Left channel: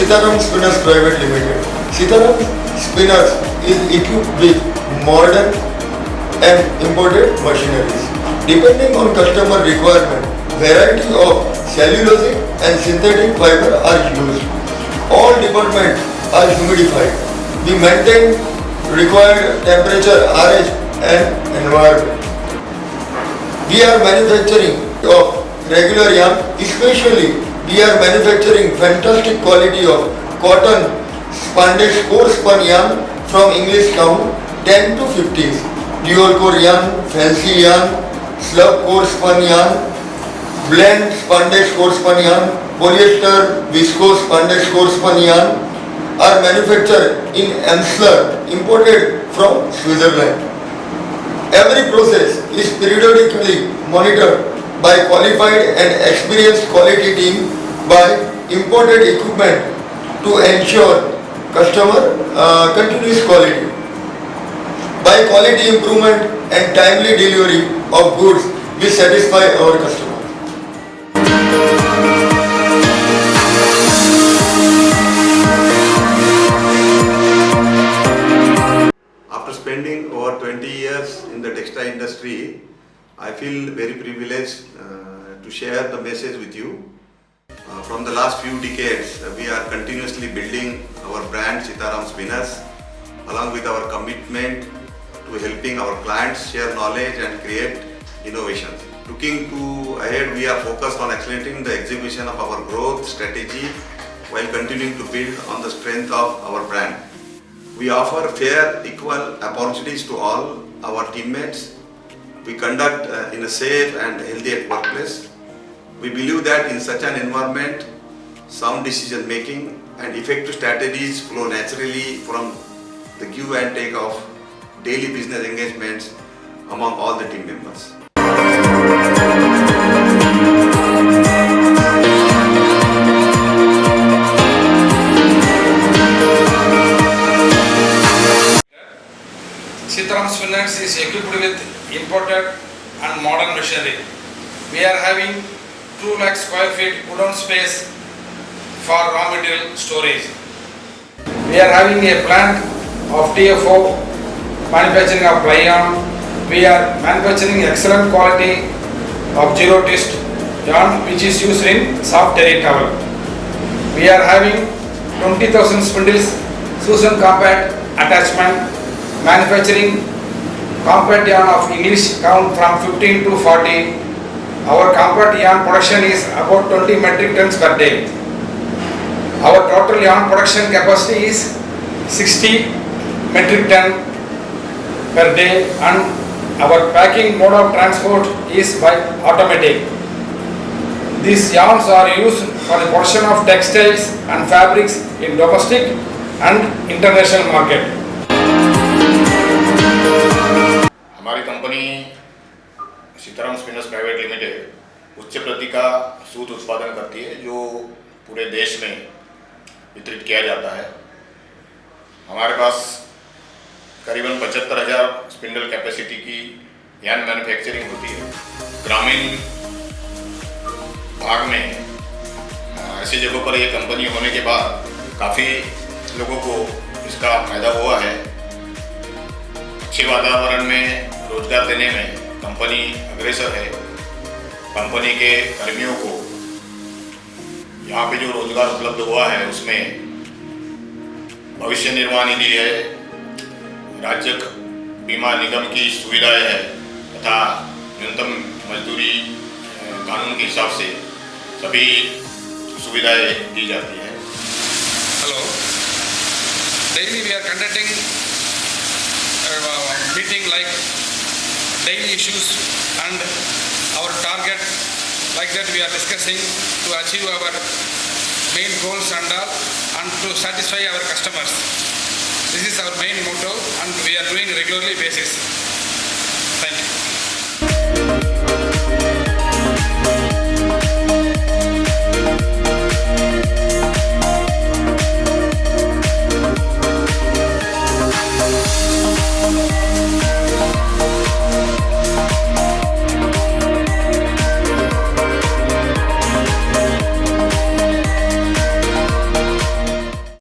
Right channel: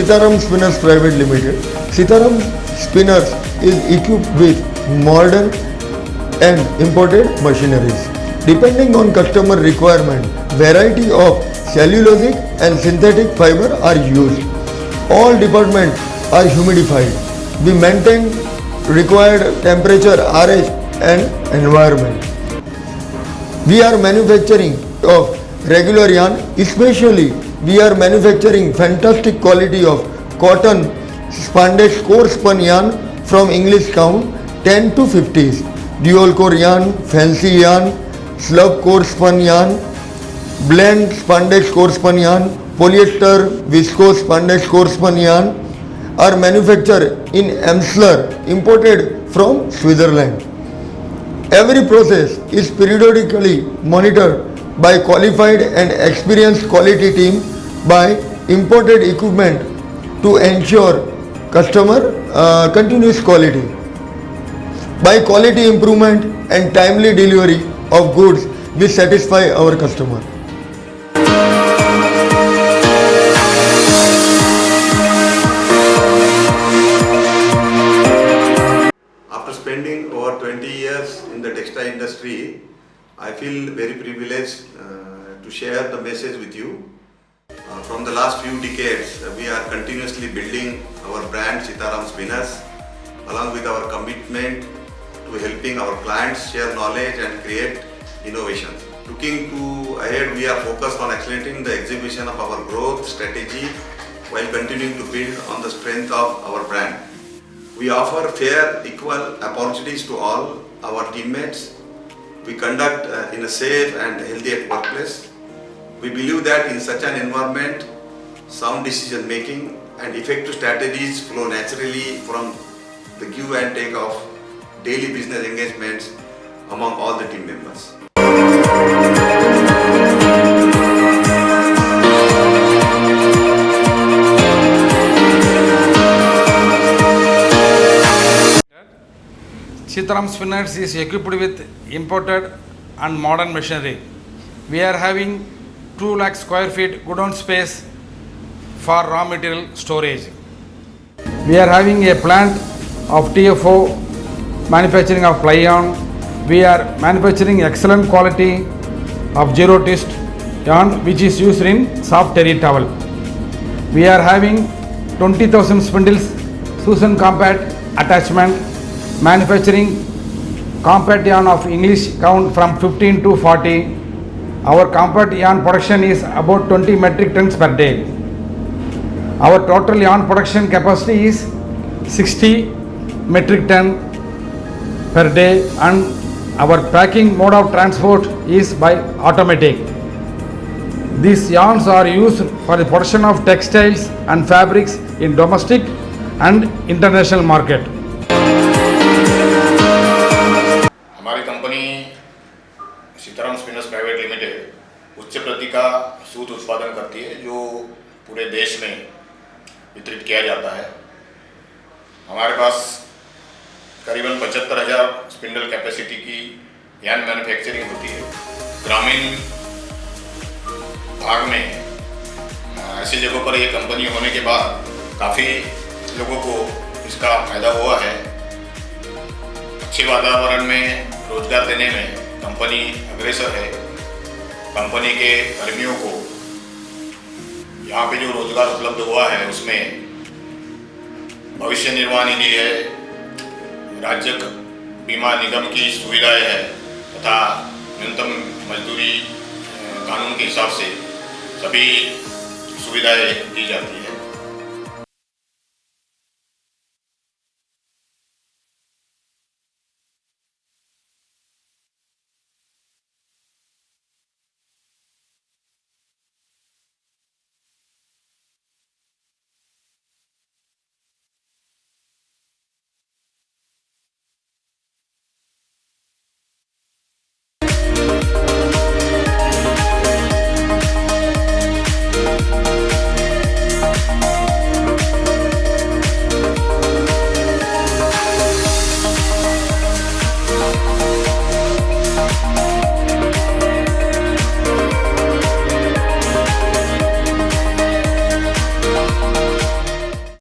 Sitaram Spinners Private Limited. Sitaram Spinners is equipped with modern and imported machineries. Depending on customer requirement, variety of cellulosic and synthetic fiber are used. All departments are humidified. We maintain required temperature, RH and environment. We are manufacturing of regular yarn, especially we are manufacturing fantastic quality of cotton spandex core spun yarn from English town 10 to 50s, dual core yarn, fancy yarn, slub core spun yarn, blend spandex core spun yarn, polyester viscose spandex core spun yarn are manufactured in Emsler, imported from Switzerland. Every process is periodically monitored by qualified and experienced quality team by imported equipment to ensure customer continuous quality. By quality improvement and timely delivery of goods, we satisfy our customer. After spending over 20 years in the textile industry, I feel very privileged to share the message with you. From the last few decades, we are continuously building our brand Sitaram Spinners, along with our commitment to helping our clients share knowledge and create innovations. Looking to ahead, we are focused on accelerating the execution of our growth strategy while continuing to build on the strength of our brand. We offer fair, equal opportunities to all our teammates. We conduct in a safe and healthy workplace. We believe that in such an environment, sound decision making and effective strategies flow naturally from the give and take of daily business engagements among all the team members. Sitaram Spinners is equipped with imported and modern machinery. We are having 2 lakh square feet godown space for raw material storage. We are having a plant of TFO manufacturing of ply yarn. We are manufacturing excellent quality of zero twist yarn which is used in soft terry towel. We are having 20,000 spindles, Susan compact attachment, manufacturing compact yarn of English town from 15 to 40. Our compact yarn production is about 20 metric tons per day. Our total yarn production capacity is 60 metric ton per day and our packing mode of transport is by automatic. These yarns are used for the production of textiles and fabrics in domestic and international market. हमारी company Sitaram spinners private limited उच्च प्रति का सूत उत्पादन करती है जो पूरे देश में वितरित किया जाता है। हमारे पास करीबन 75,000 स्पिंडल कैपेसिटी की यार्न मैन्युफैक्चरिंग होती है। ग्रामीण भाग में ऐसी जगहों पर ये कंपनी होने के बाद काफ़ी लोगों को इसका फायदा हुआ है। अच्छे वातावरण में रोजगार देने में कंपनी अग्रसर है। कंपनी के कर्मियों को यहाँ पे जो रोजगार उपलब्ध हुआ है उसमें भविष्य निर्वाह निधि है, राज्य बीमा निगम की सुविधाएं है तथा न्यूनतम मजदूरी कानून के हिसाब से सभी सुविधाएं दी जाती है। Hello. Daily we are conducting meeting like daily issues and our target, like that we are discussing to achieve our main goals and all and to satisfy our customers. This is our main motto and we